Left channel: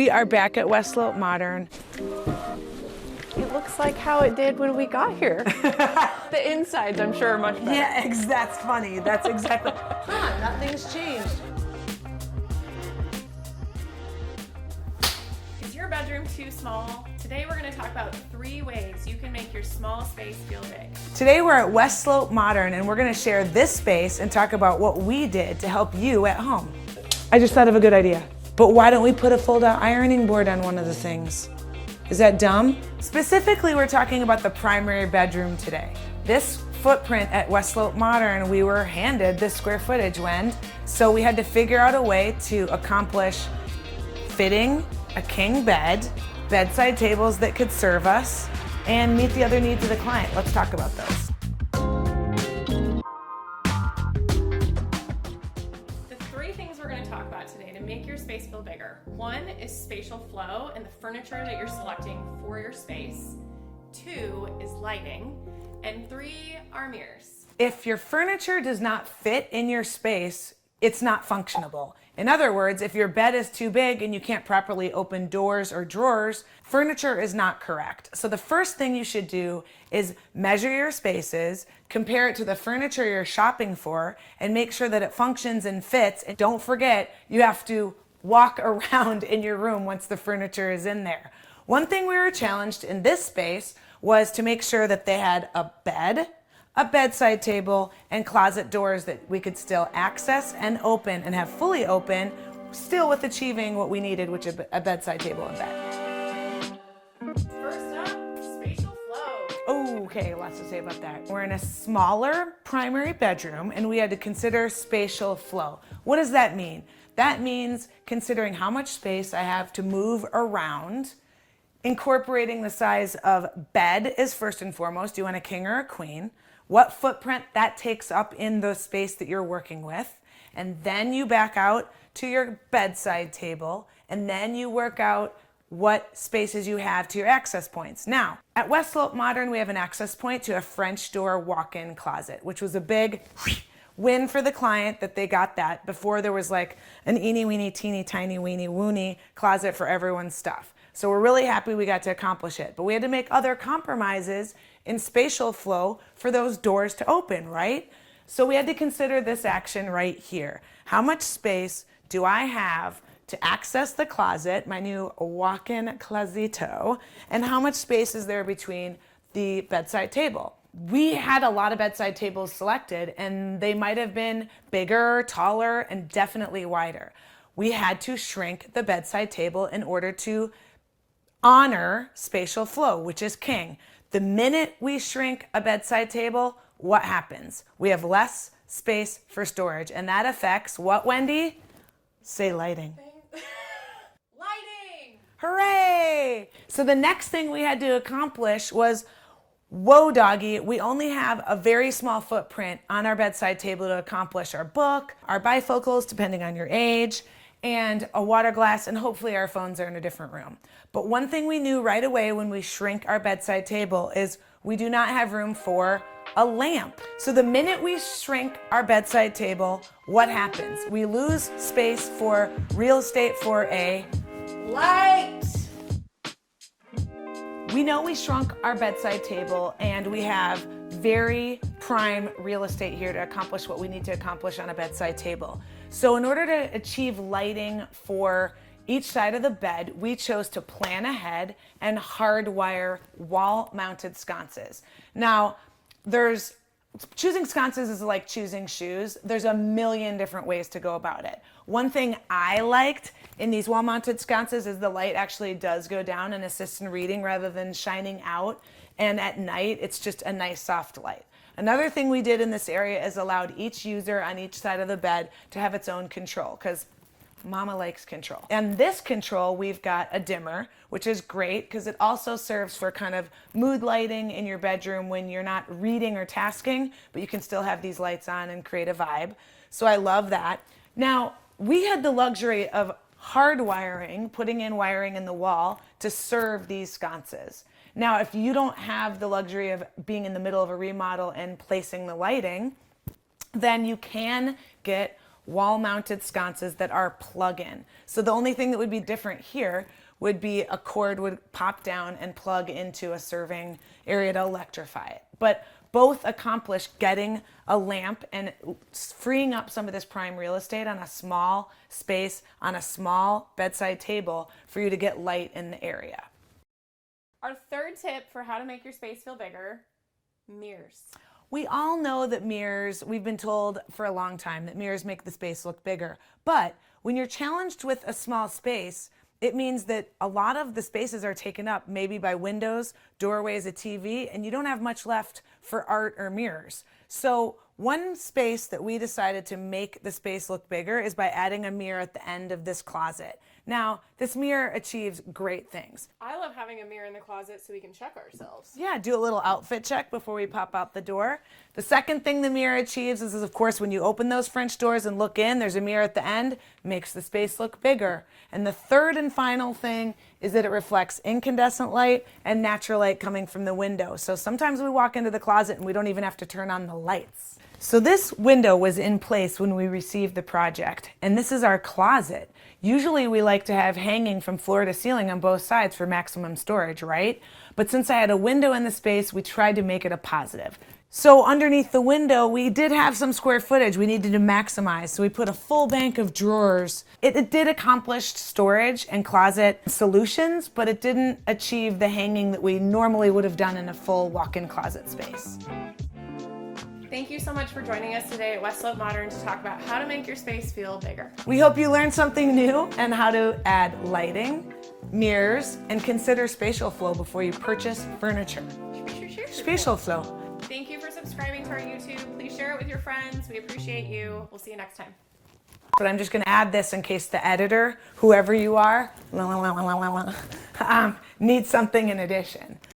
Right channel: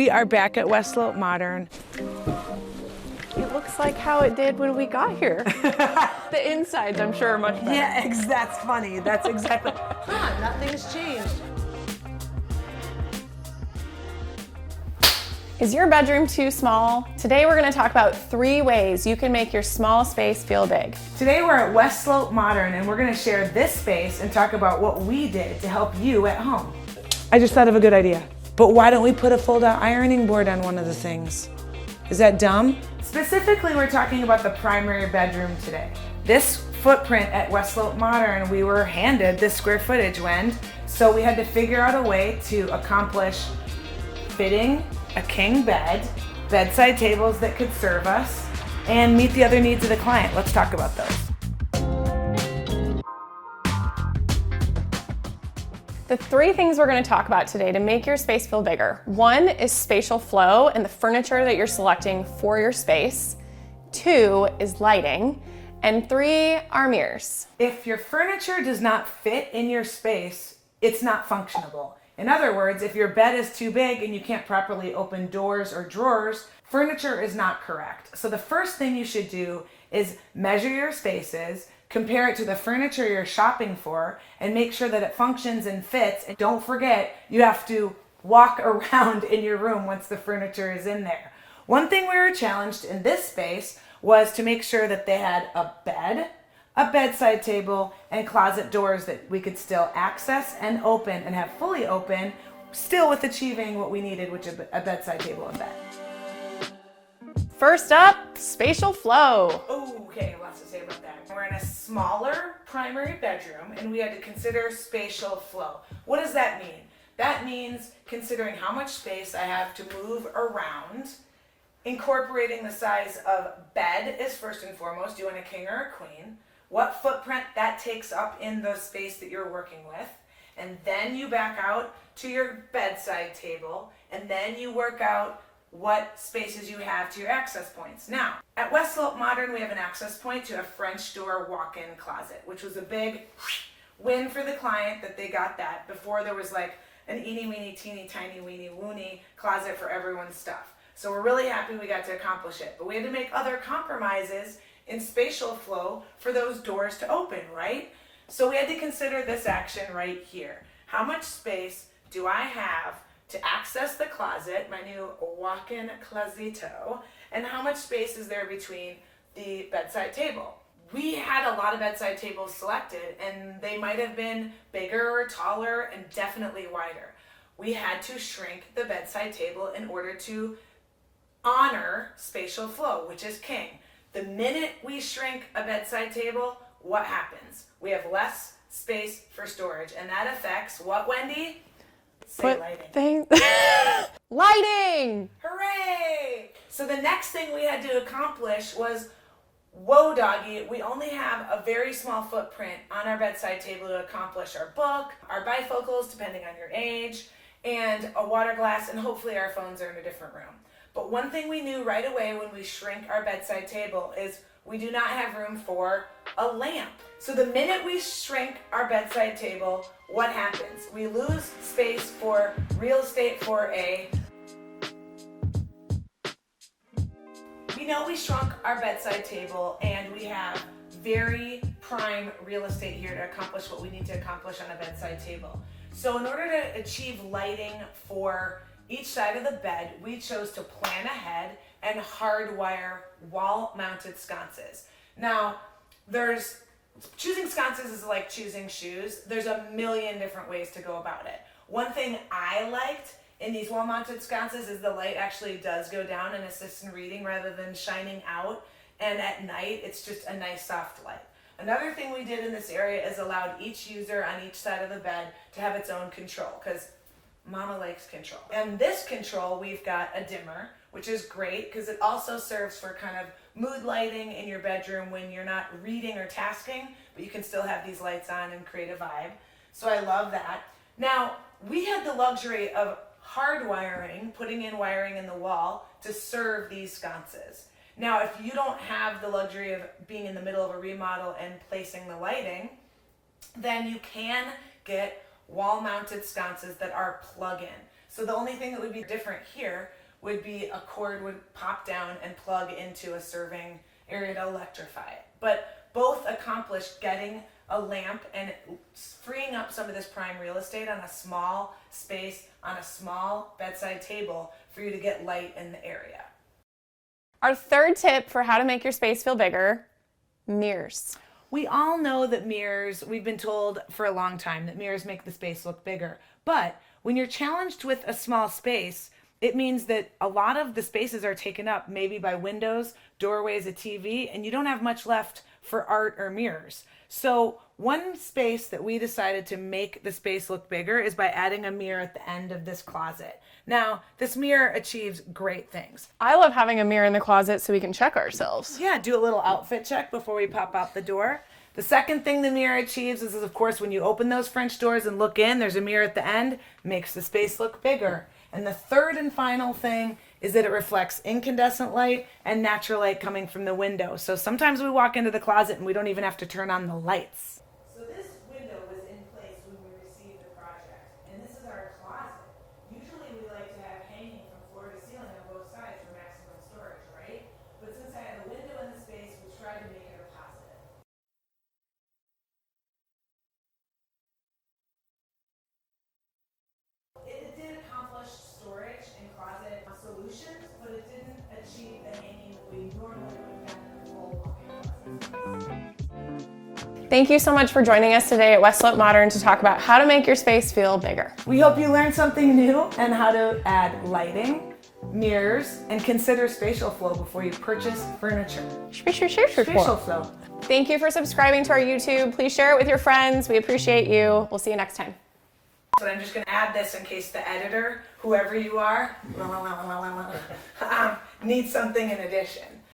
We are back at West Slope Modern. It looks like how it did when we got here. The insides, I'm sure, are much better. Yeah, that's funny. That's exactly. Nothing's changed. Is your bedroom too small? Today we're going to talk about 3 ways you can make your small space feel big. Today we're at West Slope Modern and we're going to share this space and talk about what we did to help you at home. I just thought of a good idea. But why don't we put a fold-out ironing board on one of the things? Is that dumb? Specifically, we're talking about the primary bedroom today. This footprint at West Slope Modern, we were handed this square footage when, so we had to figure out a way to accomplish fitting a king bed, bedside tables that could serve us, and meet the other needs of the client. Let's talk about those. The 3 things we're going to talk about today to make your space feel bigger. 1 is spatial flow and the furniture that you're selecting for your space. 2 is lighting. And 3 are mirrors. If your furniture does not fit in your space, it's not functionable. In other words, if your bed is too big and you can't properly open doors or drawers, furniture is not correct. So the first thing you should do is measure your spaces, compare it to the furniture you're shopping for, and make sure that it functions and fits. And don't forget, you have to walk around in your room once the furniture is in there. One thing we were challenged in this space was to make sure that they had a bed, a bedside table, and closet doors that we could still access and open and have fully open, still with achieving what we needed, which is a bedside table and bed. First up, spatial flow. Okay, lots to say about that. We're in a smaller primary bedroom and we had to consider spatial flow. What does that mean? That means considering how much space I have to move around, incorporating the size of bed is first and foremost. Do you want a king or a queen? What footprint that takes up in the space that you're working with. And then you back out to your bedside table and then you work out what spaces you have to your access points. Now, at West Slope Modern, we have an access point to a French door walk-in closet, which was a big win for the client that they got that. Before there was like an eeny weeny teeny tiny weeny woony closet for everyone's stuff. So we're really happy we got to accomplish it. But we had to make other compromises in spatial flow for those doors to open, right? So we had to consider this action right here. How much space do I have to access the closet, my new walk-in closeto, and how much space is there between the bedside table? We had a lot of bedside tables selected and they might have been bigger, taller, and definitely wider. We had to shrink the bedside table in order to honor spatial flow, which is king. The minute we shrink a bedside table, what happens? We have less space for storage, and that affects what, Wendy? Say lighting. Lighting! Hooray! So the next thing we had to accomplish was, whoa doggy, we only have a very small footprint on our bedside table to accomplish our book, our bifocals, depending on your age, and a water glass, and hopefully our phones are in a different room. But one thing we knew right away when we shrink our bedside table is we do not have room for a lamp. So the minute we shrink our bedside table, what happens? We lose space for real estate for a light. We know we shrunk our bedside table and we have very prime real estate here to accomplish what we need to accomplish on a bedside table. So in order to achieve lighting for each side of the bed, we chose to plan ahead and hardwire wall-mounted sconces. Now, choosing sconces is like choosing shoes. There's a million different ways to go about it. One thing I liked in these wall-mounted sconces is the light actually does go down and assist in reading rather than shining out. And at night, it's just a nice soft light. Another thing we did in this area is allowed each user on each side of the bed to have its own control, because Mama likes control. And this control, we've got a dimmer, which is great because it also serves for kind of mood lighting in your bedroom when you're not reading or tasking, but you can still have these lights on and create a vibe. So I love that. Now, we had the luxury of hardwiring, putting in wiring in the wall to serve these sconces. Now, if you don't have the luxury of being in the middle of a remodel and placing the lighting, then you can get wall-mounted sconces that are plug-in. So the only thing that would be different here would be a cord would pop down and plug into a serving area to electrify it. But both accomplish getting a lamp and freeing up some of this prime real estate on a small space, on a small bedside table for you to get light in the area. Our third tip for how to make your space feel bigger, mirrors. We all know that mirrors, we've been told for a long time that mirrors make the space look bigger. But when you're challenged with a small space, it means that a lot of the spaces are taken up maybe by windows, doorways, a TV, and you don't have much left for art or mirrors. So one space that we decided to make the space look bigger is by adding a mirror at the end of this closet. Now, this mirror achieves great things. I love having a mirror in the closet so we can check ourselves. Yeah, do a little outfit check before we pop out the door. The second thing the mirror achieves is, of course, when you open those French doors and look in, there's a mirror at the end, makes the space look bigger. And the third and final thing is that it reflects incandescent light and natural light coming from the window. So sometimes we walk into the closet and we don't even have to turn on the lights. So this window was in place when we received the project, and this is our closet. Usually we like to have hanging from floor to ceiling on both sides for maximum storage, right? But since I had a window in the space, we tried to make it a positive. So underneath the window, we did have some square footage we needed to maximize. So we put a full bank of drawers. It did accomplish storage and closet solutions, but it didn't achieve the hanging that we normally would have done in a full walk-in closet space. Thank you so much for joining us today at West Slope Modern to talk about how to make your space feel bigger. We hope you learned something new and how to add lighting, mirrors, and consider spatial flow before you purchase furniture. Spatial flow. Thank you for subscribing to our YouTube. Please share it with your friends. We appreciate you. We'll see you next time. But I'm just going to add this in case the editor, whoever you are, needs something in addition.